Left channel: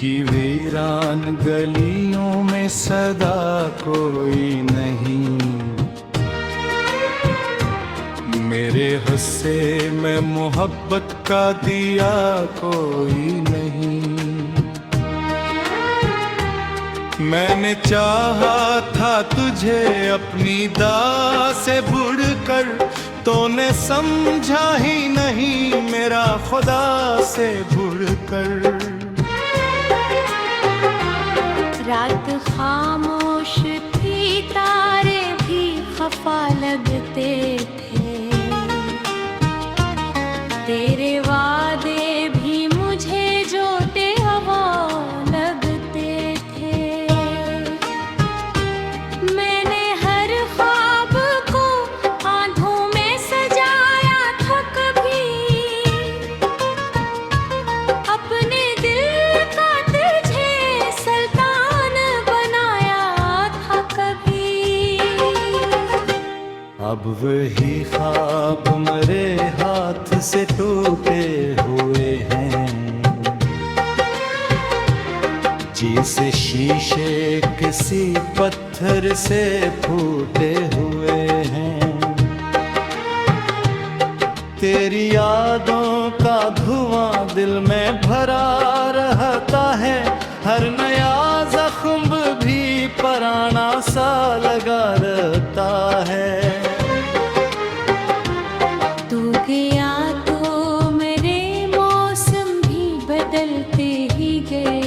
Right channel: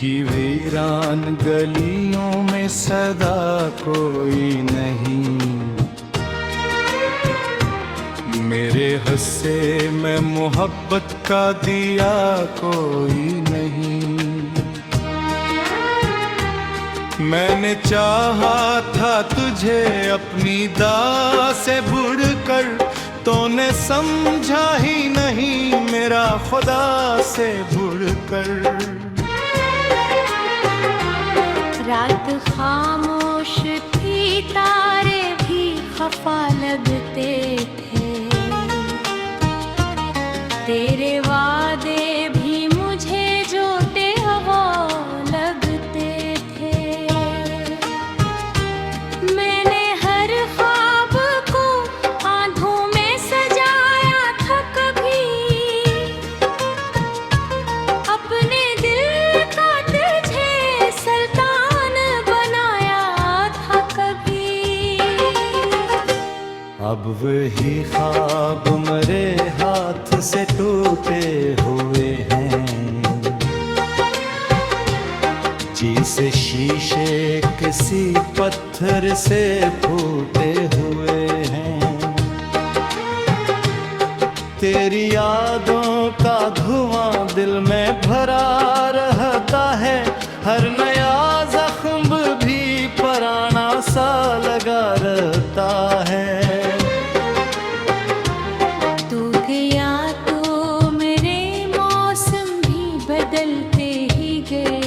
की वीरान गलियों में सदा कोई नहीं, मेरे हिस्से में मोहब्बत का दिया कोई नहीं। मैंने चाहा था तुझे अपनी दाह से बढ़कर, तूने समझा ही नहीं मेरा खुदा से बढ़कर। रात खामोश थी, तारे भी खफा लगते थे, तेरे वादे भी मुझे जोते हवा लगते थे। मैंने हर ख्वाब को आंधों में सजाया था, कभी अपने दिल का तुझे सुल्तान बनाया था कभी। अब वही ख्वाब मेरे हाथ से टूटे हुए हैं, जैसे शीशे किसी पत्थर से फूटे हुए हैं। तेरी यादों का धुआं दिल में भरा रहता है, हर नया जख्म भी पुराना सा लगा रहता है। तू गया तो मेरे मौसम भी बदलते ही गए,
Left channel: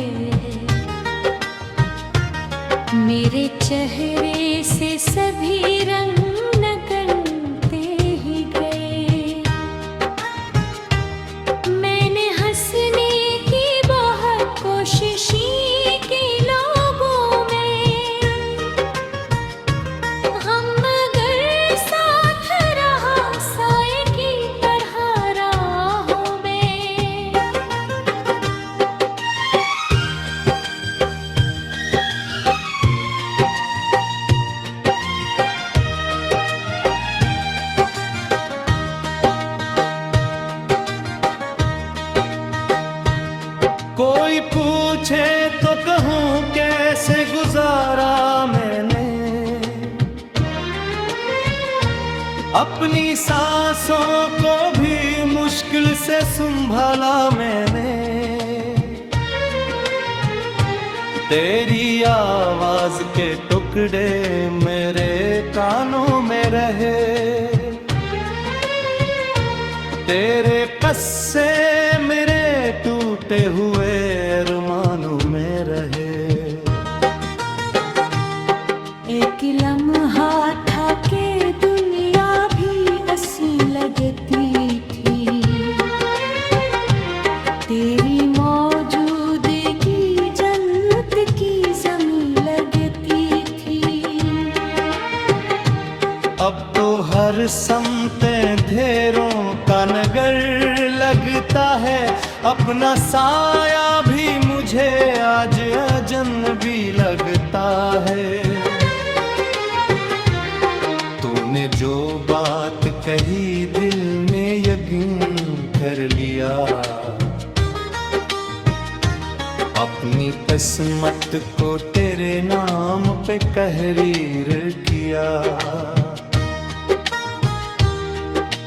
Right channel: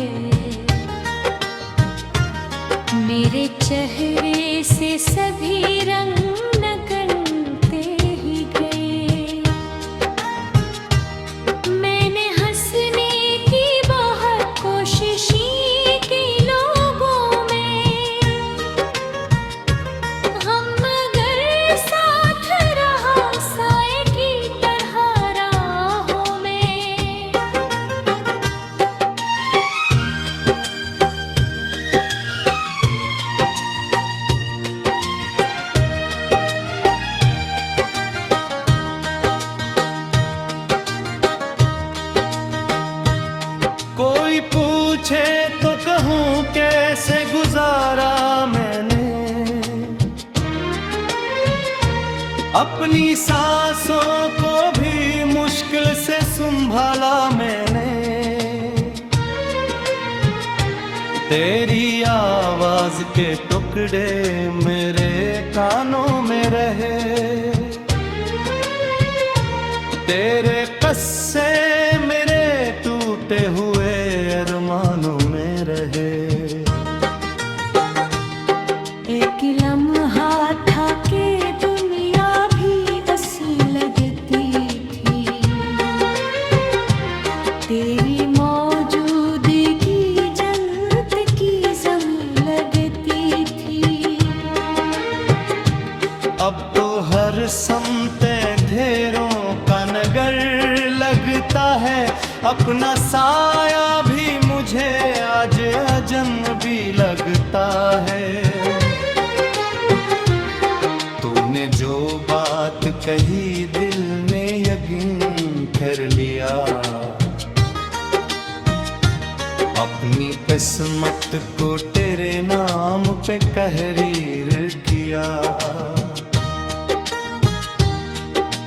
मेरे चेहरे से सभी रंग निकलते ही गए। मैंने हंसने की बहुत कोशिश की लोगों में, हम मगर साथ रहा साए की तरह राहों में। कोई पूछे तो कहूँ कैसे गुजारा मैंने, अपनी सांसों को भी मुश्किल से संभाला मैंने। तेरी आवाज के टुकड़े मेरे कानों में रहे, तेरे कस्से मेरे टूटे हुए अरमानों में रहे। एक लम्हा था कि दुनिया भी ऐसी लगती थी, तेरी मौजूदगी जन्नत की ज़मीं लगती थी। अब तो हर समते अंधेरों का नगर लगता है, अपना साया भी मुझे आज अजनबी लगता है। तूने जो बात कही दिल में यकीन कर लिया, अपनी किस्मत को तेरे नाम पे तहरीर किया।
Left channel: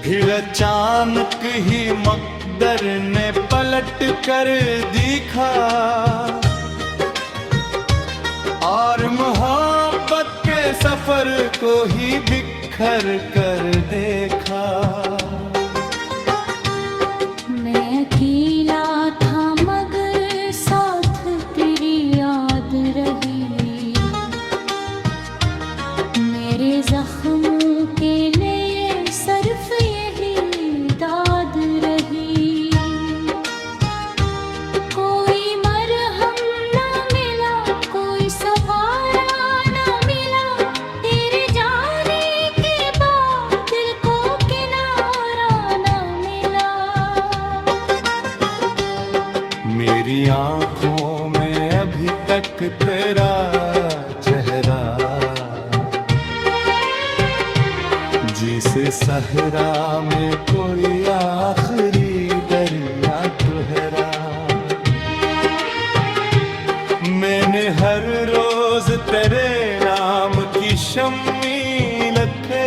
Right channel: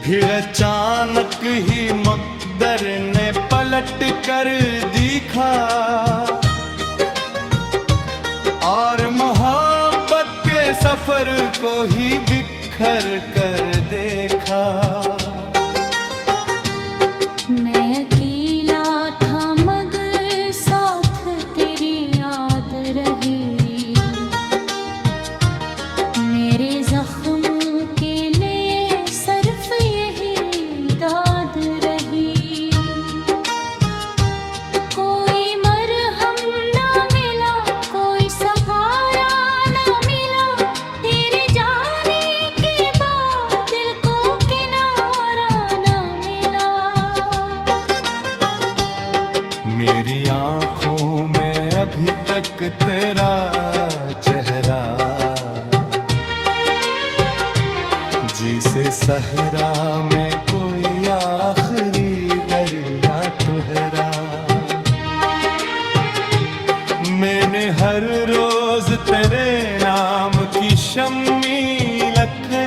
फिर अचानक ही मकदर ने पलट कर दिखा, और मोहब्बत के सफर को ही बिखर कर देखा। मैं अकेला था मगर साथ तेरी याद रही, मेरे जख्मों के लिए सिर्फ यही दाद रही। कोई मरहम ना मिला, कोई सहारा ना मिला, तेरे जाने के बाद दिल को किनारा ना मिला। मेरी आँखों में अभी तक तेरा चेहरा, जिसे सहरा में कोई आखिरी दरिया ठहरा। मैंने हर रोज तेरे नाम की शम्मी लखे,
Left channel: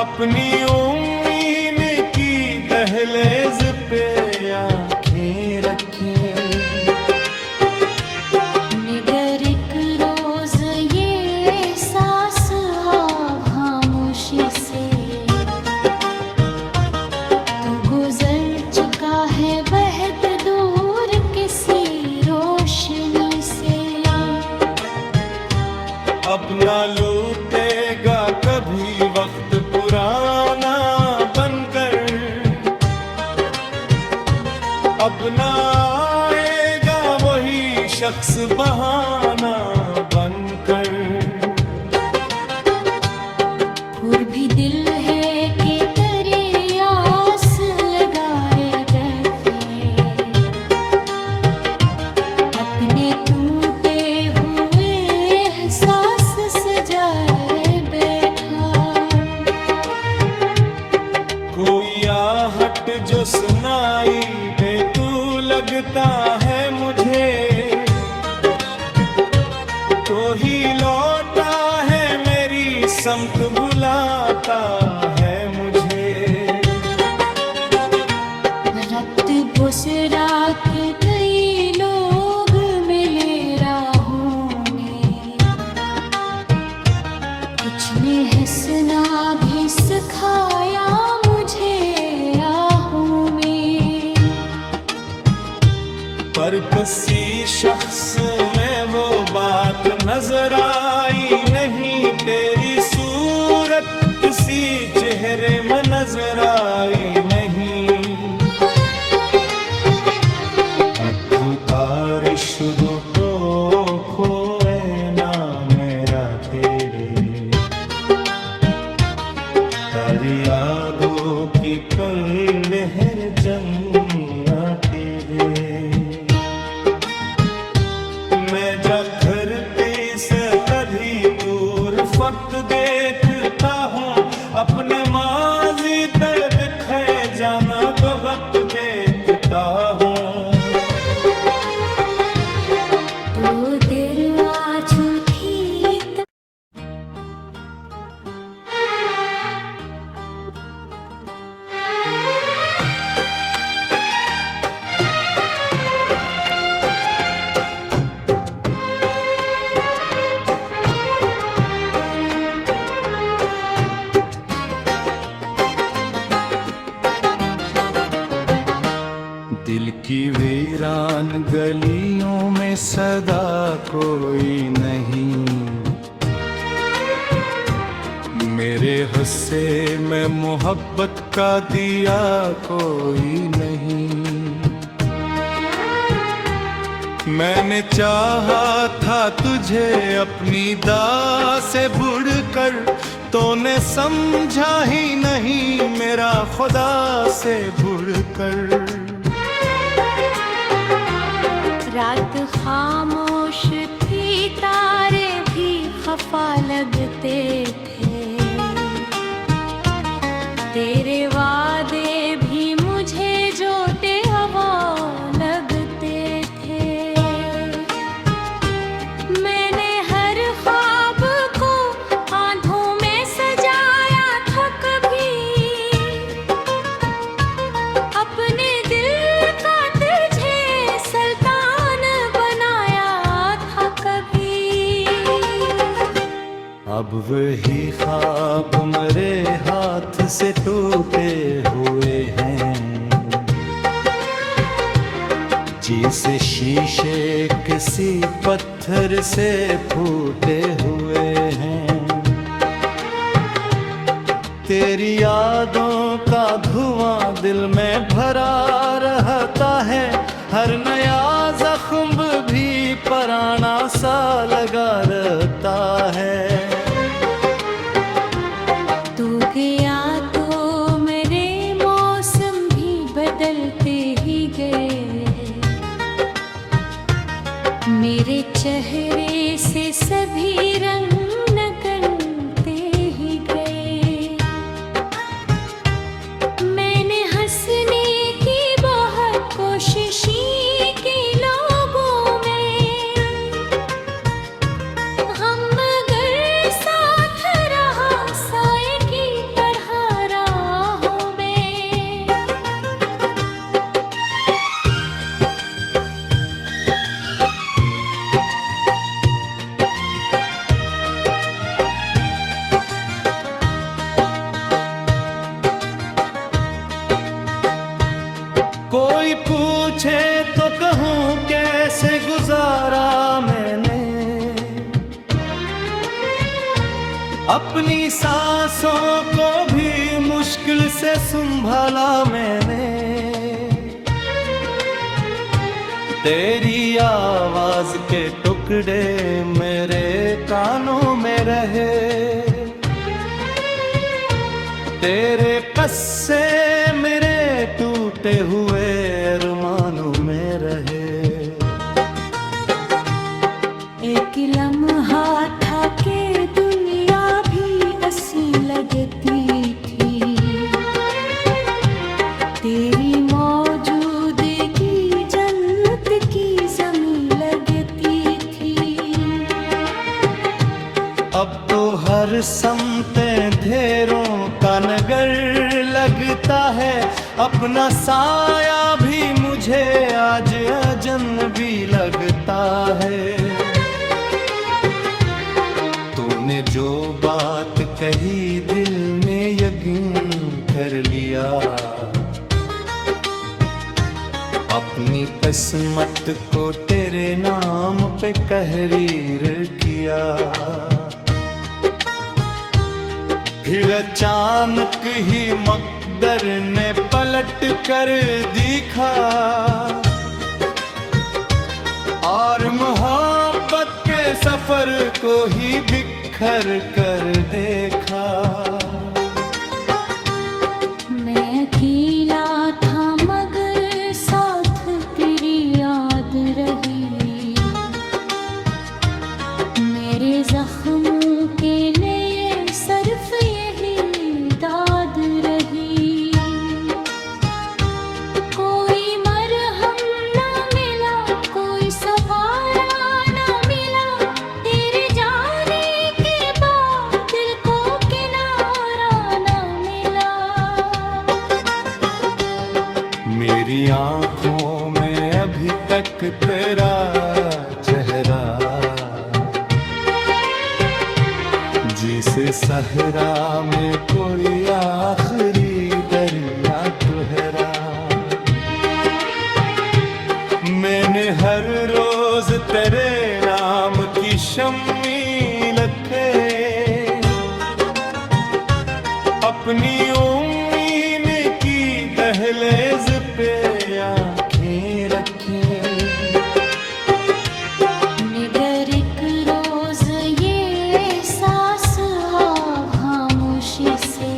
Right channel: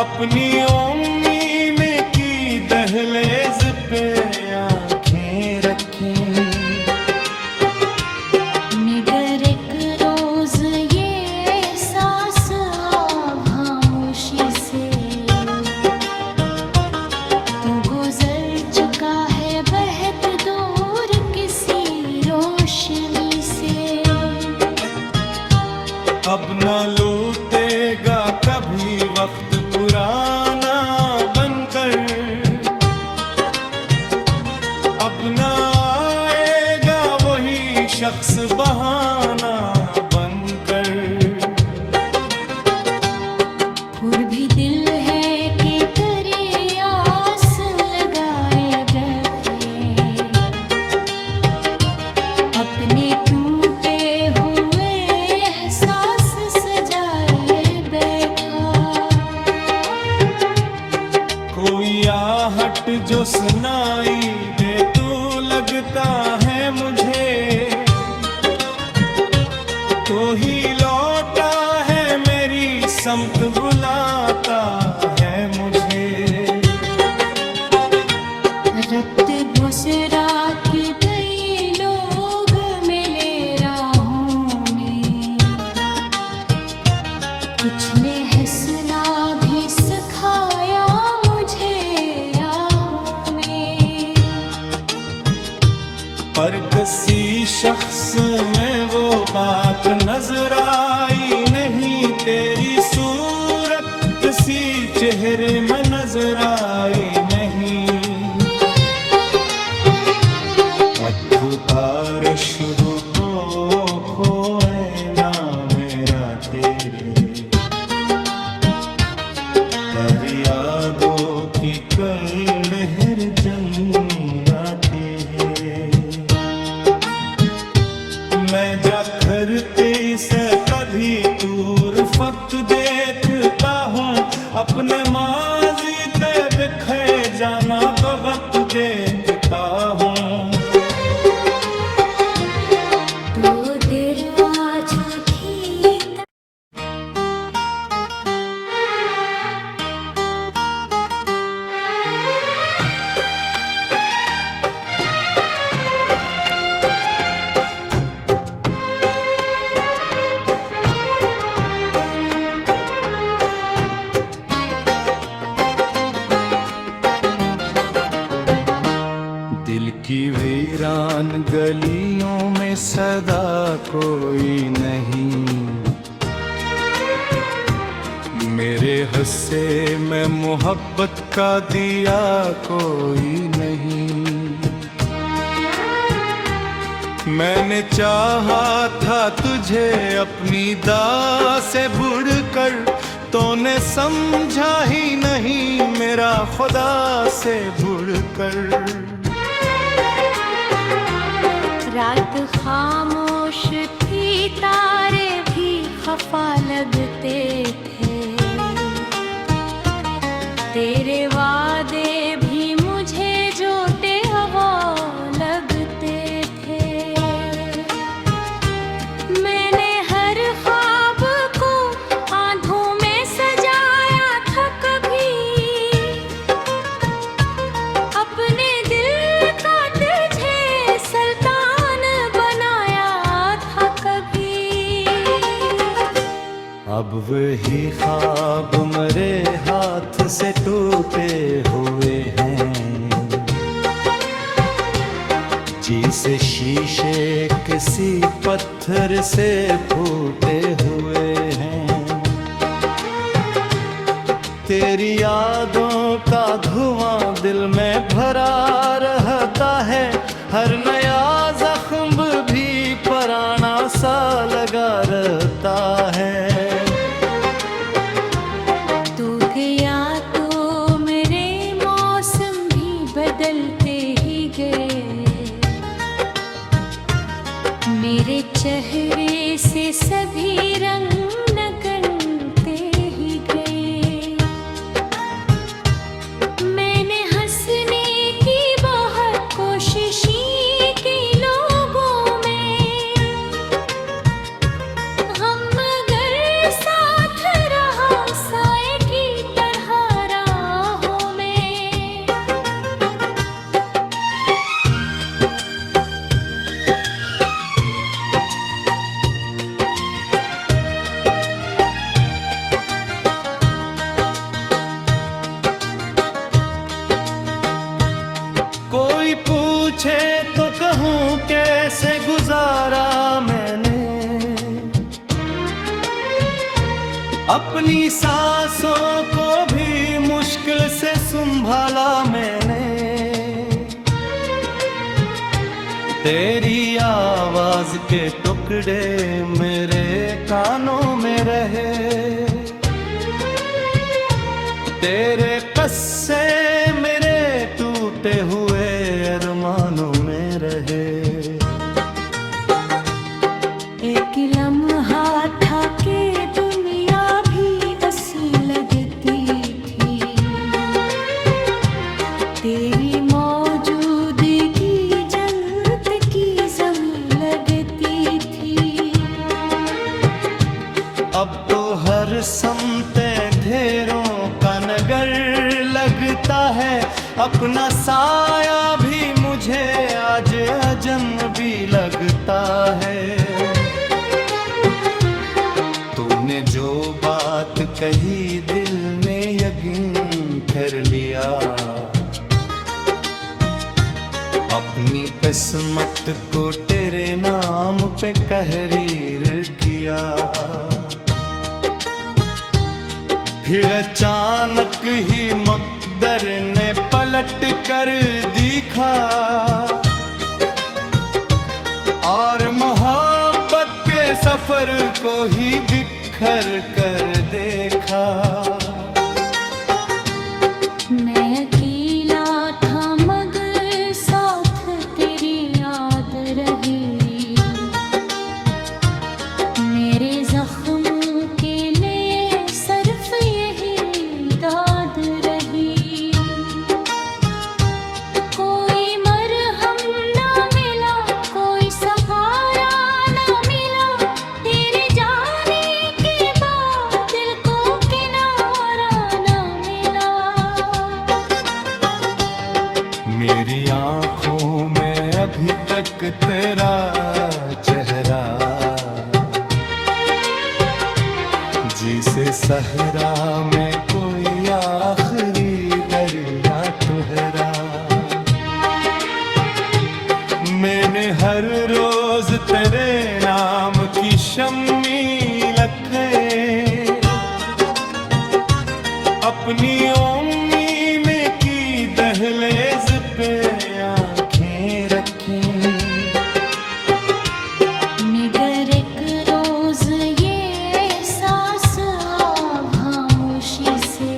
अपनी उम्मीद की दहलीज पे आंखें रखे। मगर एक रोज ये एहसास खामोशी से, तू गुजर चुका है बहुत दूर किसी रोशनी से। अब ना लौटेगा कभी वक्त पुराना बनकर, अब ना आएगा वही शख्स बहाना बनकर। फिर भी दिल है कि तेरी आस लगाए रखे, अपने टूटे हुए एहसास सजाए बैठा। कोई आहट जो सुनाई दे तू लगता है मुझे, तो ही लौटा है मेरी समत बुलाता है मुझे। रत बस रात कई लोग मिले राहों में, कुछ ने हंसना भी सिखाया मुझे आहों में। पर किसी शख्स में वो बात नजर आई नहीं, तेरी सूरत किसी चेहरे में नजर आई नहीं। अतुकार शुरू को खोए ना मेरा तेरे, तारी यादों की कई लहर जंग आती है। मैं जाकर से कभी दूर फक्त देखता हूँ, अपने माजी दे दिखे जाना तो वक्त देखता हूँ। तो देर आज थी दिल की वीरान गलियों में सदा कोई नहीं, मेरे हिस्से में मोहब्बत का दिया कोई नहीं। मैंने चाहा था तुझे अपनी दाह से बुड़कर, तूने समझा ही नहीं मेरा खुदा से बुड़कर। रात खामोश थी, तारे भी खफा लगते थे, तेरे वादे भी मुझे जोते हवा लगते थे। मैंने हर ख्वाब को आंधों में सजाया था कभी, अपने दिल का तुझे सुल्तान बनाया था कभी। अब वही ख्वाब मेरे हाथ से टूटे हुए हैं, जैसे शीशे किसी पत्थर से फूटे हुए हैं। तेरी यादों का धुआं दिल में भरा रहता है, हर नया जख्म भी पुराना सा लगा रहता है। तू गया तो मेरे मौसम भी बदलते ही गए, मेरे चेहरे से सभी रंग नगनते ही गए। मैंने हंसने की बहुत कोशिश की, कैसे गुजारा मैंने, अपनी सांसों को भी मुश्किल से संभाला मैंने। तेरी आवाज के टुकड़े मेरे कानों में रहे, तेरे कस्से मेरे टूटे हुए अरमानों में रहे। एक लम्हा था के दुनिया भी असी लगती थी, तेरी मौजूदगी जन्नत की ज़मीं लगती थी। अब तो हर समते ढेरों का नगर लगता है, अपना साया भी मुझे आज अजनबी लगता है। तूने जो बात कही दिल में यकीन कर लिया, अपनी किस्मत को तेरे नाम पे तहरीर किया। फिर अचानक ही मकदर ने पलट कर दिखा, और मोहब्बत के सफर को ही बिखर कर देखा। मैं अकेला था मगर साथ तेरी याद रही, मेरे जख्मों के लिए सिर्फ यही दाद रही। कोई मरहम ना मिला, कोई सहारा ना मिला, तेरे जाने के बाद दिल को किनारा ना मिला। मेरी आँखों में अभी तक तेरा चेहरा, जिसे सहरा में कोई आखिरी दरिया ठहरा। मैंने हर रोज तेरे नाम की शम्मी लखे, अपनी उम्मीद की दहलीज पे आंखें रखी। मगर एक रोज ये एहसास खामोशी से,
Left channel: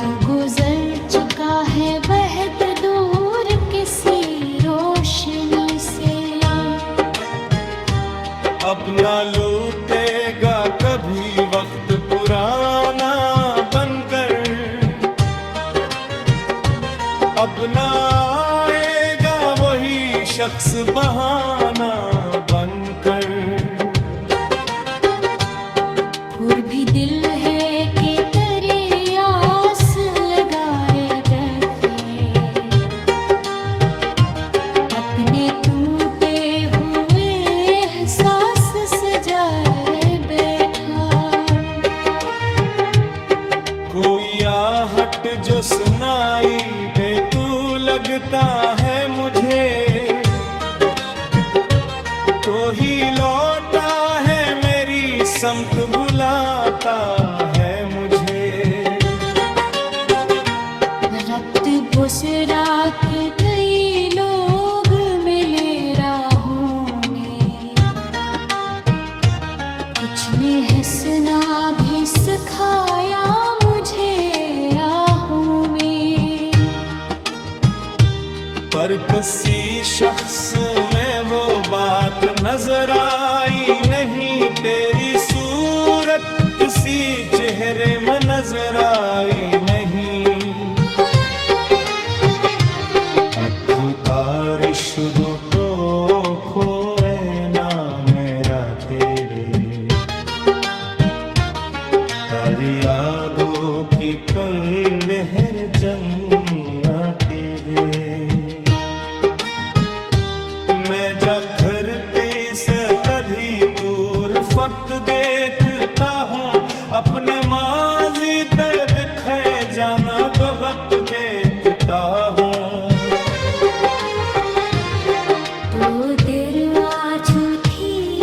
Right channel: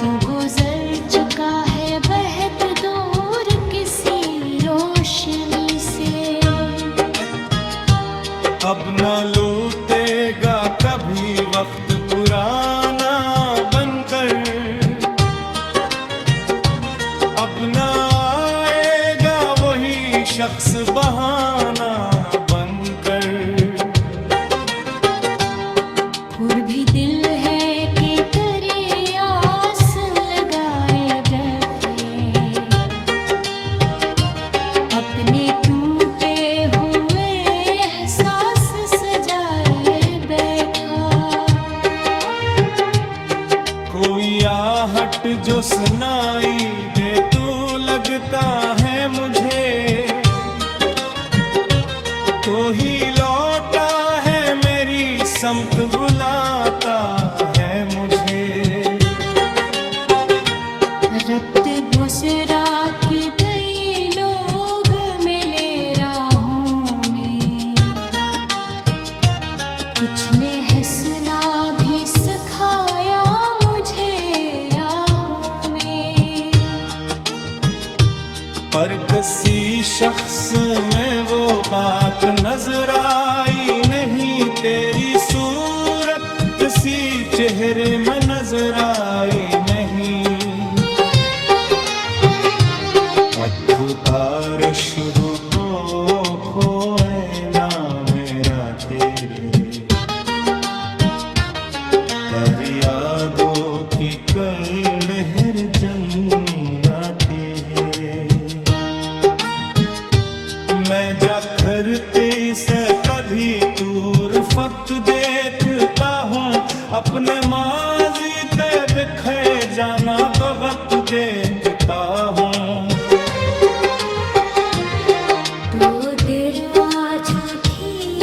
तू गुजर चुका है बहुत दूर किसी रोशनी से। अब ना लौटेगा कभी वक्त पुराना बनकर, अब ना आएगा वही शख्स बहाना बनकर। फिर भी दिल है कि तेरी आस लगाए बैठे, अपने टूटे हुए एहसास सजाए बैठा। कोई आहट जो सुनाई दे तू लगता है मुझे, तो ही लौटा है मेरी समत बुलाता है मुझे। रक्त बुसरा के कई लोग मिले राहों में, कुछ ने हंसना भी सिखाया मुझे आहों में। पर किसी शख्स में वो बात नजर आई नहीं, तेरी सूरत किसी चेहरे में नजर आई नहीं। अखुतार शुरू तो खोए ना मेरा तेरे, तारी यादों की कई लहर जंग आती है। मैं जाकर से कभी दूर फक्त देखता हूँ, अपने माजी ते बिखरे जाना तो वक्त देखता हूँ। ওদের আছুঠি